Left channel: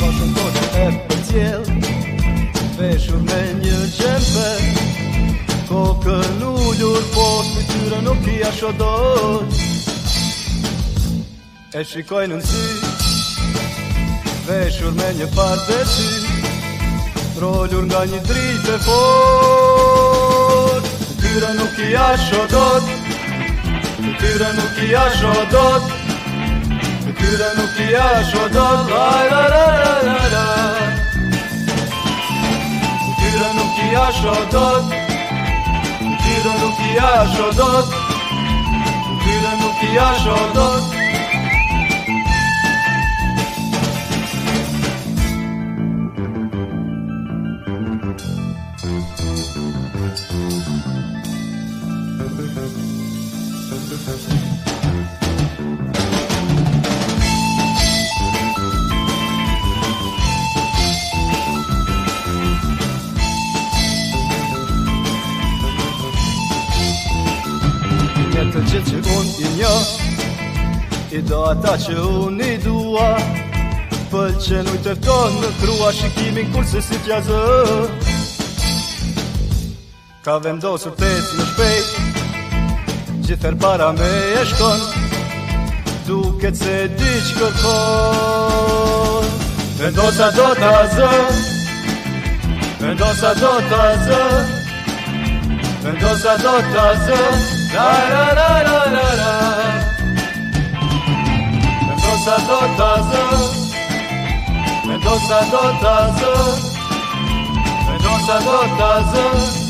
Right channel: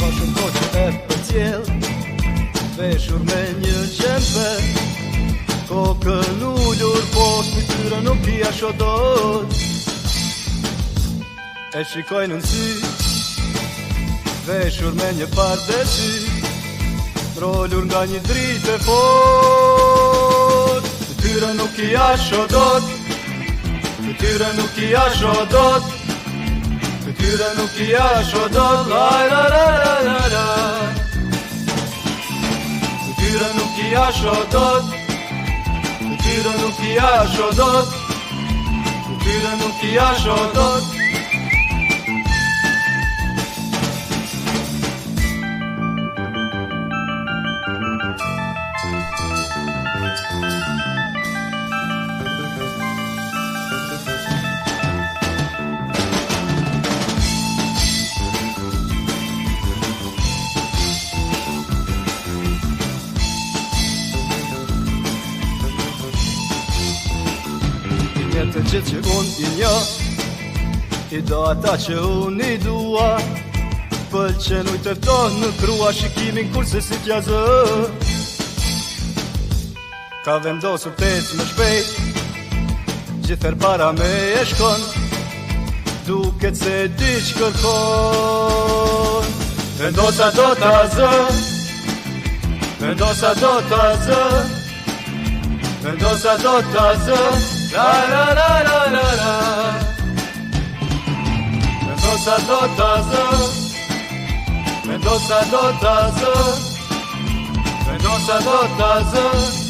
Ka shumë ko që e për cjell, veshur me një gjemper, kokën ullur, por fytyra nuk i ashodot. E shikojnë në sy, veshur me një pardesi, mrollur nga një dritë e fort. Fytyra nuk i ashodot, fytyra nuk i ashodot, fytyra nuk i ashodot, la la la la la la. Fytyra nuk i ashodot, fytyra nuk i ashodot, fytyra nuk i ashodot. I një të gjithë që unë i një, i do ata që unë i dua, pëlqen u i tërton në krua shikimin kurse si t'jazë. Ka vendosur t'ec më shpejt, gjithër para me e shkon, duket se di që kërkon. Vendosa do t'a zë, vendosa do t'a zë, vendosa do t'a zë, la la la la la la. Vendosa do t'a zë, vendosa do t'a zë, vendosa do t'a zë.